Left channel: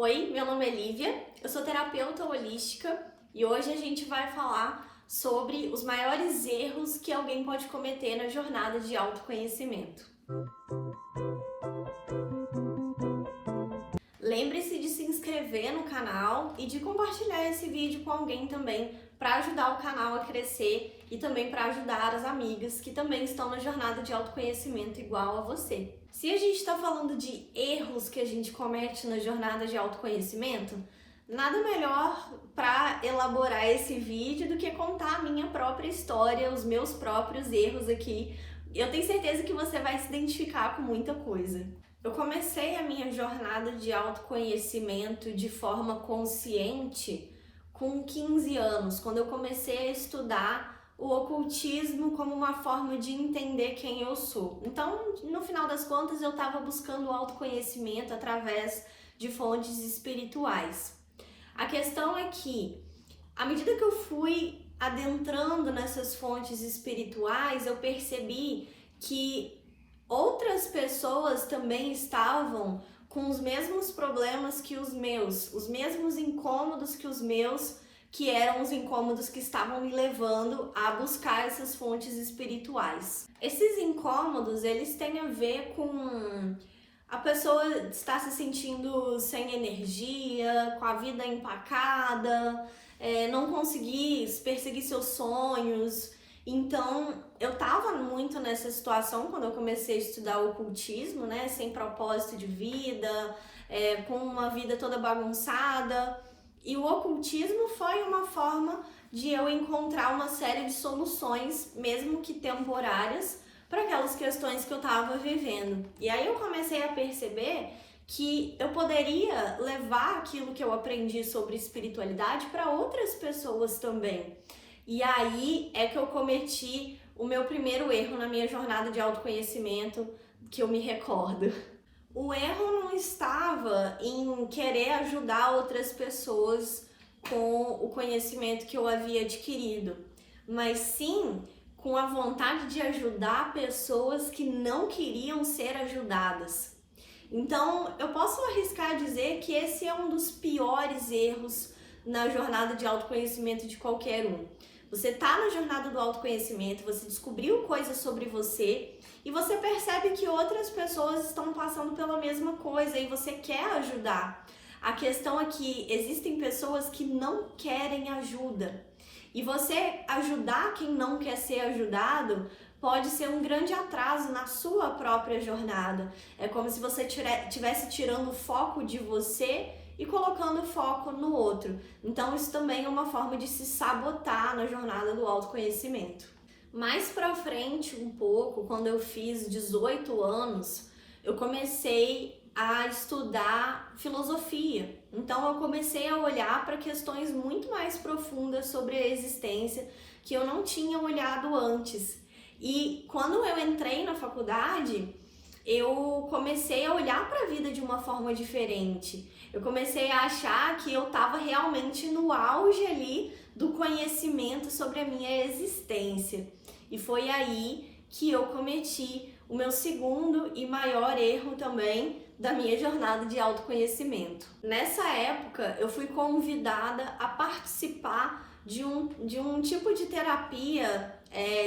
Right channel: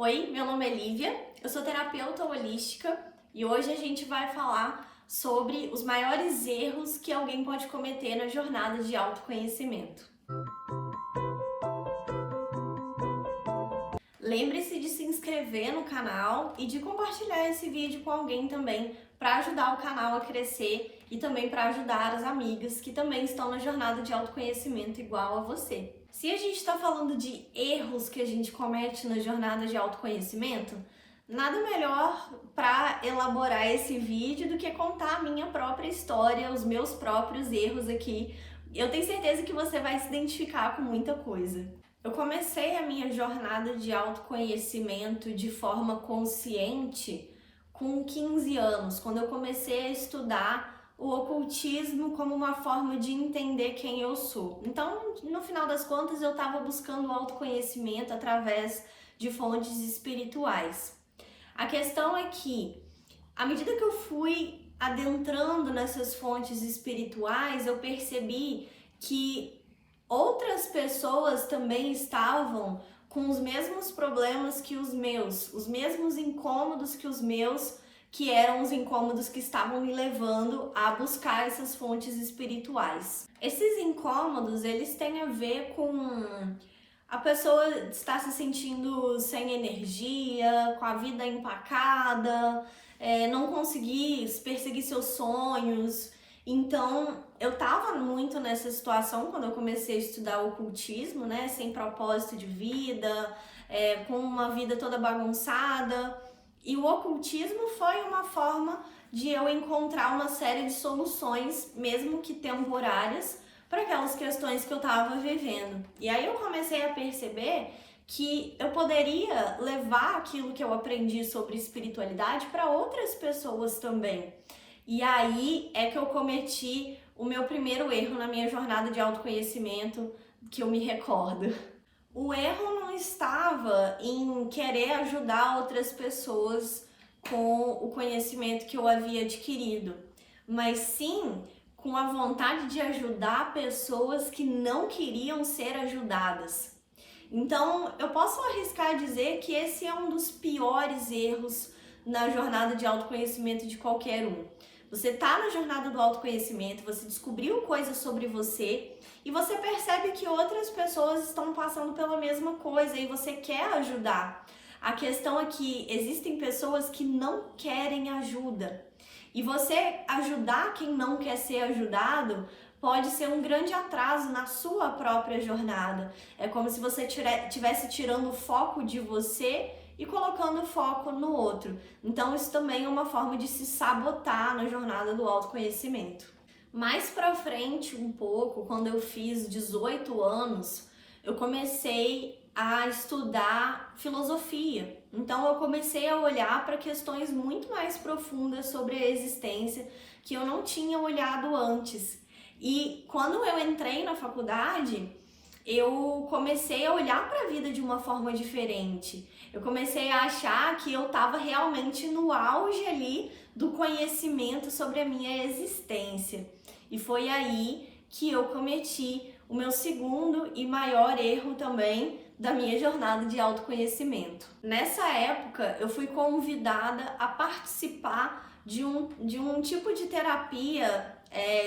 Oi, meu nome é Lívia, eu sou terapeuta holística e hoje a gente vai falar sobre os maiores erros que alguém pode cometer na jornada de autoconhecimento. Lembre-se de se inscrever no canal e de compartilhar esse vídeo com alguém também para ajudar o canal a crescer e também para ajudar as amigas que também estão na jornada de autoconhecimento igual a você. Se a gente está falando de erros que a gente comete na jornada de autoconhecimento, nada melhor para elaborar esse vídeo do que contar a minha própria história, os meus próprios erros aqui. Eu tenho certeza que você vai se identificar com muita coisa. Eu comecei a minha jornada de autoconhecimento de forma consciente com 15 anos, quando eu comecei a estudar o ocultismo como uma forma de entender quem eu sou. Então, no final das contas, eu estava buscando o autoconhecimento através de fontes espirituais. A questão é que, à medida que eu fui adentrando nessas fontes espirituais, eu percebi que outras pessoas também estavam com os mesmos problemas que os meus, os mesmos incômodos que os meus, que eram os incômodos que estavam me levando a buscar essas fontes espirituais. Esses incômodos, eles têm a ver com a pessoa estar se sentindo sem energia, com a vida empacada, não conseguir perseguir seus sonhos. Então, eu tava muito nessa situação quando eu comecei a estudar o ocultismo, né? Sem propósito de vida, com uma vida toda bagunçada. E o ocultismo foi uma forma de eu encontrar uma série de soluções, mesmo que temporárias, para aquelas questões que eu estava vivendo. E aí eu comecei a perceber que eu poderia levar aquilo que eu aprendi sobre espiritualidade para outras pessoas também. E aí é que eu cometi o meu primeiro erro na minha jornada de autoconhecimento, que eu me recordo. O erro não estava em querer ajudar outras pessoas com o conhecimento que eu havia adquirido, mas sim com a vontade de ajudar pessoas que não queriam ser ajudadas. Então, eu posso arriscar dizer que esse é um dos piores erros na jornada de autoconhecimento de qualquer um. Você está na jornada do autoconhecimento, você descobriu coisas sobre você e você percebe que outras pessoas estão passando pela mesma coisa e você quer ajudar. A questão é que existem pessoas que não querem ajuda. E você ajudar quem não quer ser ajudado pode ser um grande atraso na sua própria jornada. É como se você estivesse tirando o foco de você e colocando o foco no outro. Então isso também é uma forma de se sabotar na jornada do autoconhecimento. Mais pra frente um pouco, quando eu fiz 18 anos, eu comecei a estudar filosofia. Então eu comecei a olhar para questões muito mais profundas sobre a existência que eu não tinha olhado antes. E quando eu entrei na faculdade, eu comecei a olhar para a vida de uma forma diferente. Eu comecei a achar que eu estava realmente no auge ali do conhecimento sobre a minha existência. E foi aí que eu cometi o meu segundo e maior erro também da minha jornada de autoconhecimento. Nessa época, eu fui convidada a participar de um tipo de terapia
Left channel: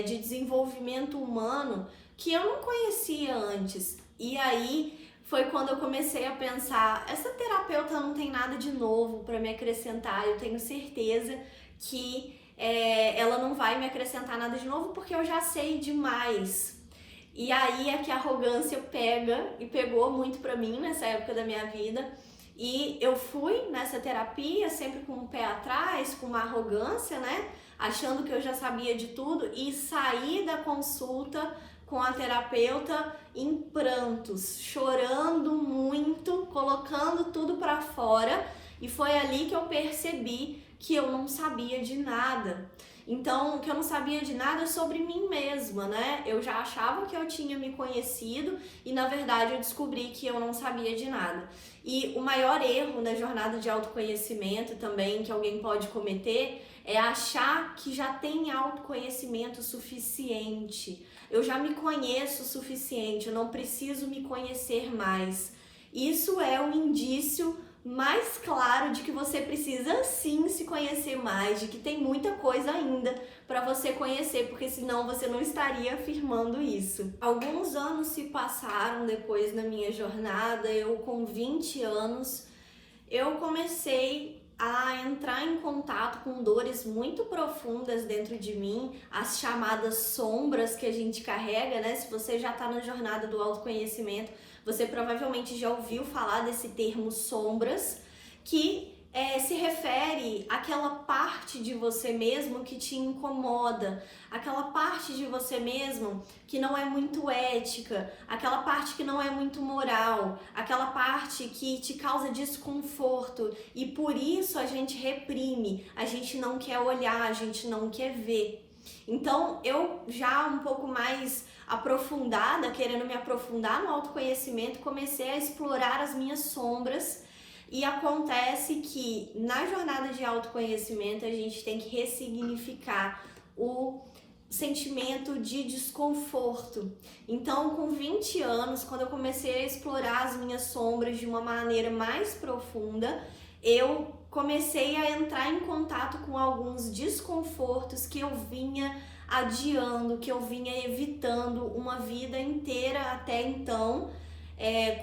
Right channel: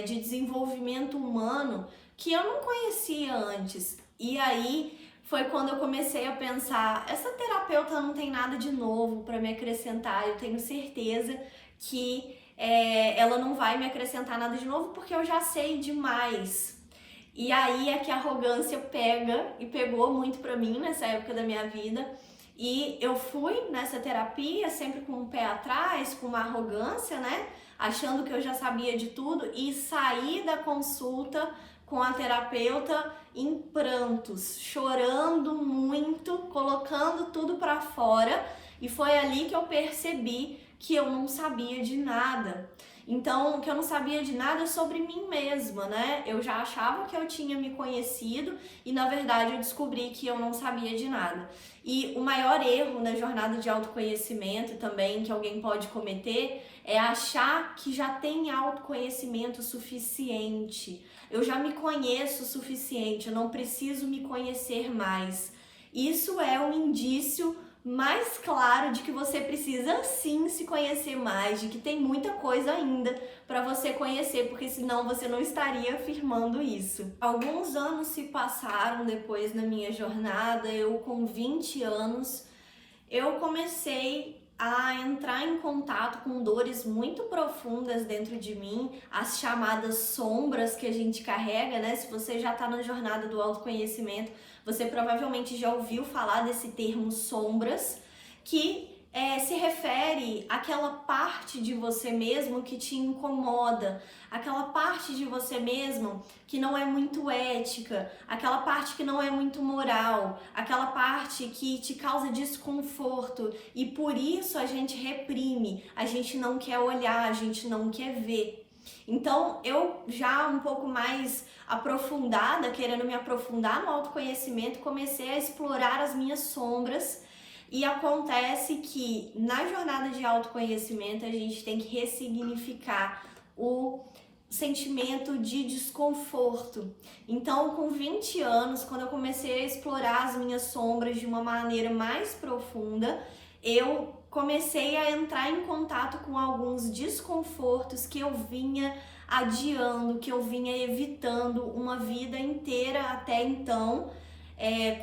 de desenvolvimento humano que eu não conhecia antes. E aí foi quando eu comecei a pensar, essa terapeuta não tem nada de novo para me acrescentar, eu tenho certeza que ela não vai me acrescentar nada de novo porque eu já sei demais. E aí é que a arrogância pega e pegou muito pra mim nessa época da minha vida. E eu fui nessa terapia sempre com o pé atrás, com uma arrogância, né? Achando que eu já sabia de tudo e saí da consulta com a terapeuta em prantos, chorando muito, colocando tudo pra fora. E foi ali que eu percebi que eu não sabia de nada. Então, que eu não sabia de nada sobre mim mesma, né? Eu já achava que eu tinha me conhecido e, na verdade, eu descobri que eu não sabia de nada. E o maior erro na jornada de autoconhecimento também que alguém pode cometer é achar que já tem autoconhecimento suficiente. Eu já me conheço o suficiente, eu não preciso me conhecer mais. Isso é um indício mais claro de que você precisa sim se conhecer mais, de que tem muita coisa ainda para você conhecer, porque senão você não estaria afirmando isso. Alguns anos se passaram depois na minha jornada, eu com 20 anos, eu comecei a entrar em contato com dores muito profundas dentro de mim, as chamadas sombras que a gente carrega, né? Se você já está na jornada do autoconhecimento, você provavelmente já ouviu falar desse termo sombras, que se refere àquela parte de você mesmo que te incomoda, aquela parte de você mesmo que não é muito ética, aquela parte que não é muito moral, aquela parte que te causa desconforto e por isso a gente reprime, a gente não quer olhar, a gente não quer ver. Então, eu já um pouco mais aprofundada, querendo me aprofundar no autoconhecimento, comecei a explorar as minhas sombras. E acontece que na jornada de autoconhecimento a gente tem que ressignificar o sentimento de desconforto. Então, com 20 anos, quando eu comecei a explorar as minhas sombras de uma maneira mais profunda, eu comecei a entrar em contato com alguns desconfortos que eu vinha adiando, que eu vinha evitando uma vida inteira até então,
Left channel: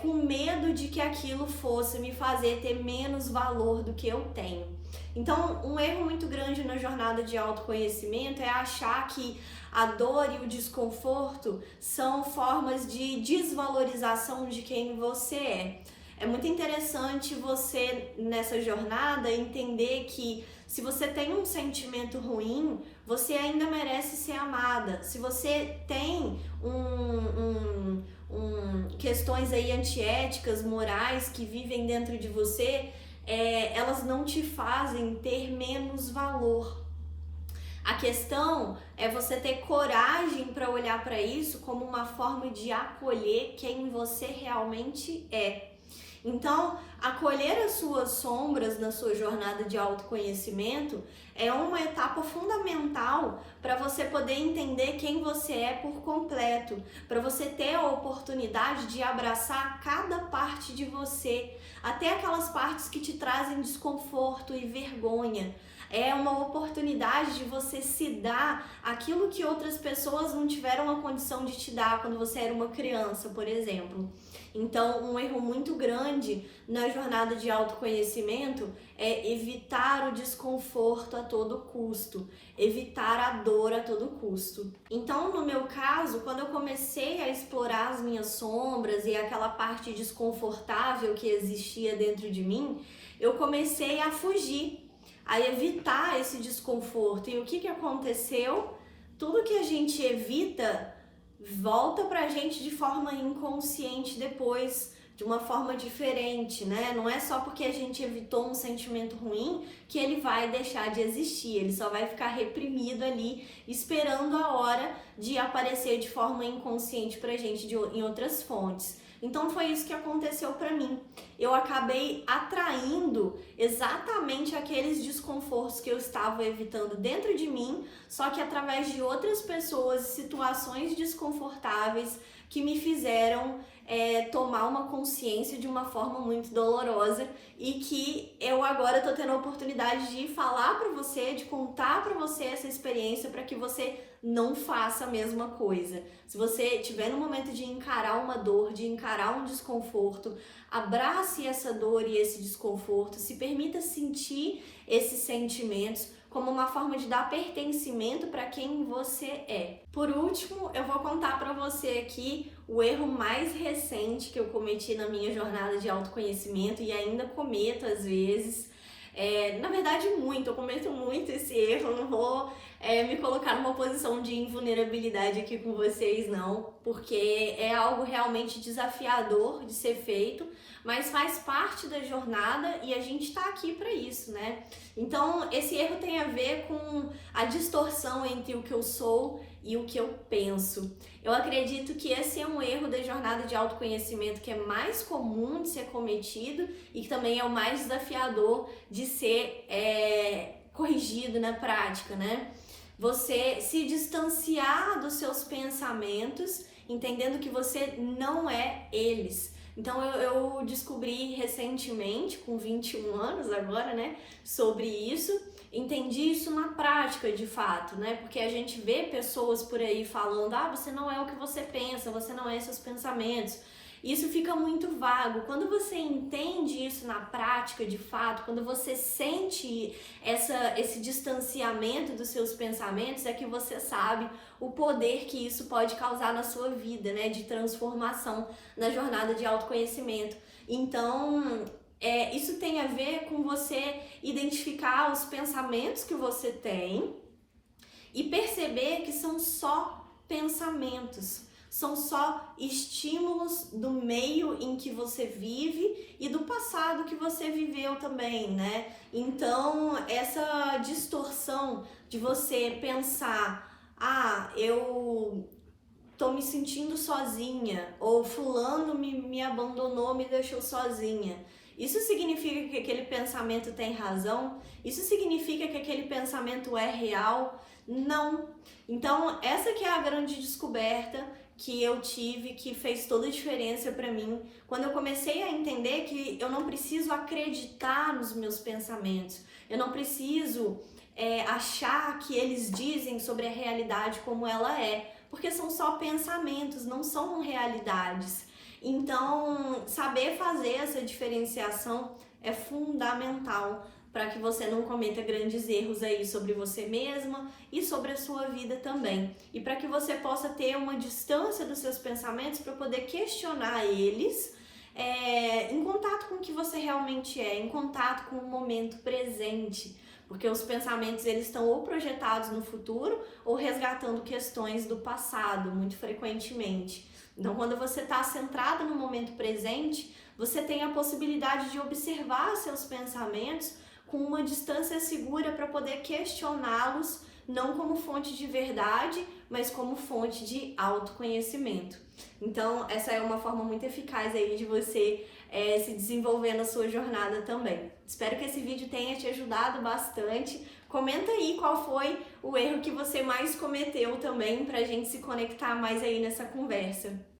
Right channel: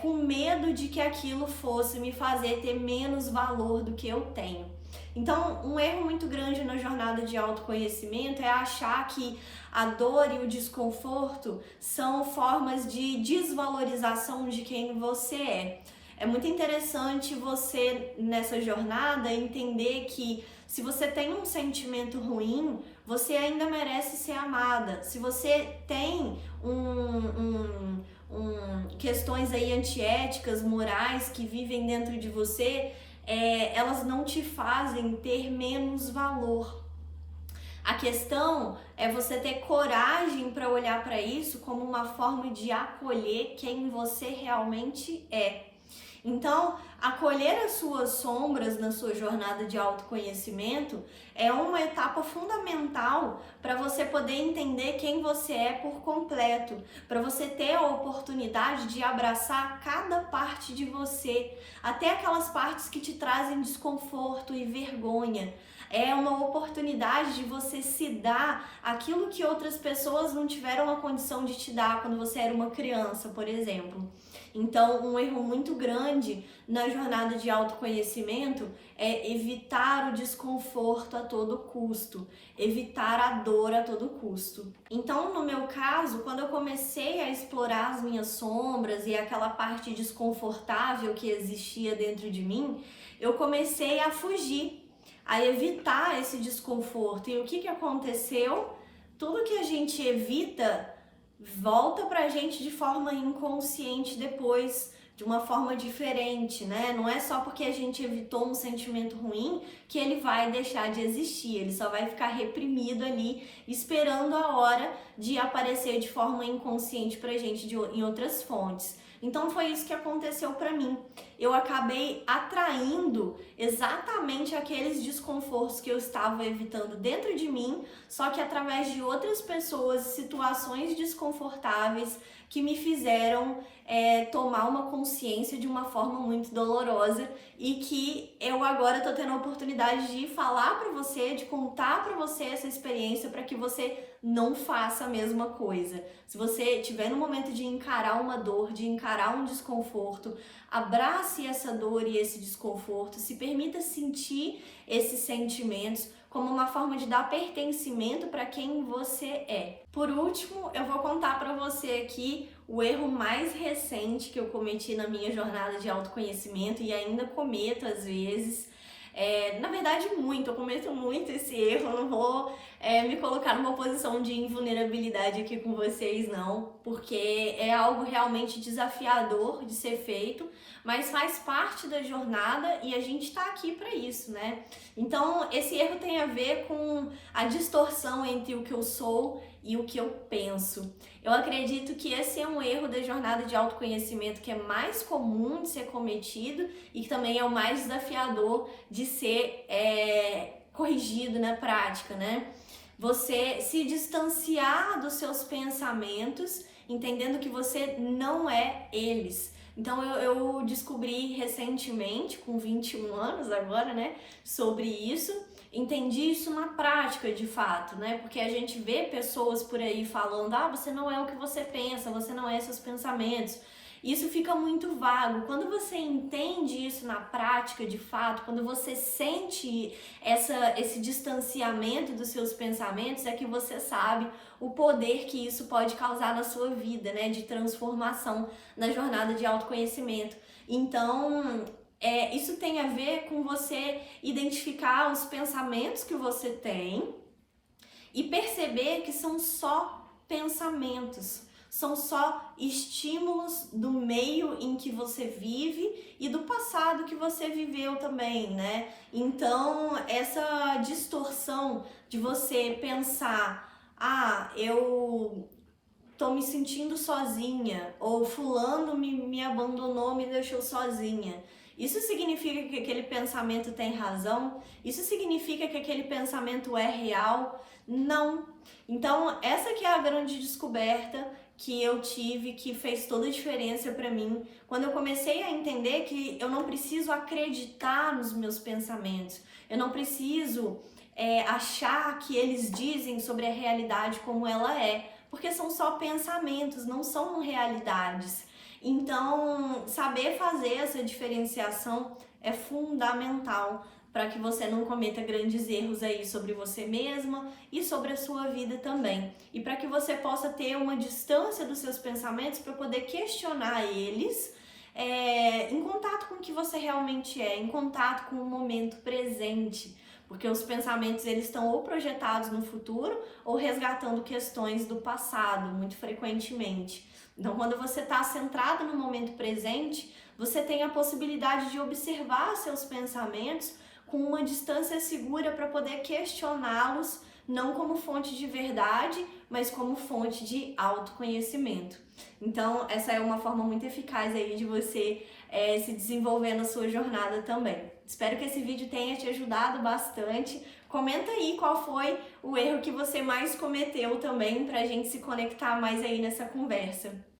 com medo de que aquilo fosse me fazer ter menos valor do que eu tenho. Então, um erro muito grande na jornada de autoconhecimento é achar que a dor e o desconforto são formas de desvalorização de quem você é. É muito interessante você, nessa jornada, entender que se você tem um sentimento ruim, você ainda merece ser amada. Se você tem questões aí antiéticas, morais que vivem dentro de você, elas não te fazem ter menos valor. A questão é você ter coragem para olhar para isso como uma forma de acolher quem você realmente é. Então, acolher as suas sombras na sua jornada de autoconhecimento é uma etapa fundamental para você poder entender quem você é por completo, para você ter a oportunidade de abraçar cada parte de você, até aquelas partes que te trazem desconforto e vergonha. É uma oportunidade de você se dar aquilo que outras pessoas não tiveram a condição de te dar quando você era uma criança, por exemplo. Então, um erro muito grande na jornada de autoconhecimento é evitar o desconforto a todo custo, evitar a dor a todo custo. Então, no meu caso, quando eu comecei a explorar as minhas sombras e aquela parte desconfortável que existia dentro de mim, eu comecei a fugir, a evitar esse desconforto. E o que aconteceu? Tudo que a gente evita volta pra gente de forma inconsciente depois, de uma forma diferente, né? Não é só porque a gente evitou um sentimento ruim que ele vai deixar de existir, ele só vai ficar reprimido ali, esperando a hora de aparecer de forma inconsciente pra gente em outras fontes. Então foi isso que aconteceu pra mim. Eu acabei atraindo exatamente aqueles desconfortos que eu estava evitando dentro de mim, só que através de outras pessoas, situações desconfortáveis que me fizeram tomar uma consciência de uma forma muito dolorosa e que eu agora tô tendo a oportunidade de falar pra você, de contar pra você essa experiência para que você não faça a mesma coisa. Se você tiver no momento de encarar uma dor, de encarar um desconforto, abrace essa dor e esse desconforto, se permita sentir esses sentimentos como uma forma de dar pertencimento para quem você é. Por último, eu vou contar para você aqui o erro mais recente que eu cometi na minha jornada de autoconhecimento e ainda cometo às vezes. Na verdade, eu cometo muito esse erro, eu não vou me colocar numa posição de invulnerabilidade aqui com vocês, não, porque é algo realmente desafiador de ser feito, mas faz parte da jornada e a gente tá aqui para isso, né? Então, esse erro tem a ver com a distorção entre o que eu sou e o que eu penso. Eu acredito que esse é um erro da jornada de autoconhecimento que é mais comum de ser cometido e que também é o mais desafiador de ser corrigido na prática, né? Você se distanciar dos seus pensamentos, entendendo que você não é eles. Então eu descobri recentemente, com 21 anos agora, né, sobre isso. Entendi isso na prática, de fato, né? Porque a gente vê pessoas por aí falando: ah, você não é o que você pensa, você não é seus pensamentos. Isso fica muito vago. Quando você entende isso na prática, de fato, quando você sente esse distanciamento dos seus pensamentos, é que você sabe o poder que isso pode causar na sua vida, né? De transformação na jornada de autoconhecimento. Então, isso tem a ver com você identificar os pensamentos que você tem e perceber que são só pensamentos, são só estímulos do meio em que você vive e do passado que você viveu também, né? Então, essa distorção de você pensar: ah, eu tô me sentindo sozinha, ou fulano me abandonou, me deixou sozinha. Isso significa que aquele pensamento tem razão? Isso significa que aquele pensamento é real? Não. Então, essa que é a grande descoberta que eu tive, que fez toda a diferença para mim, quando eu comecei a entender que eu não preciso acreditar nos meus pensamentos, eu não preciso achar que eles dizem sobre a realidade como ela é, porque são só pensamentos, não são realidades. Então, saber fazer essa diferenciação é fundamental para que você não cometa grandes erros aí sobre você mesma e sobre a sua vida também. E para que você possa ter uma distância dos seus pensamentos para poder questionar eles, em contato com o que você realmente é, em contato com o momento presente. Porque os pensamentos, eles estão ou projetados no futuro ou resgatando questões do passado, muito frequentemente. Então, quando você está centrado no momento presente, você tem a possibilidade de observar seus pensamentos com uma distância segura para poder questioná-los, não como fonte de verdade, mas como fonte de autoconhecimento. Então, essa é uma forma muito eficaz aí de você se desenvolver na sua jornada também. Espero que esse vídeo tenha te ajudado bastante. Comenta aí qual foi o erro que você mais cometeu também, pra gente se conectar mais aí nessa conversa.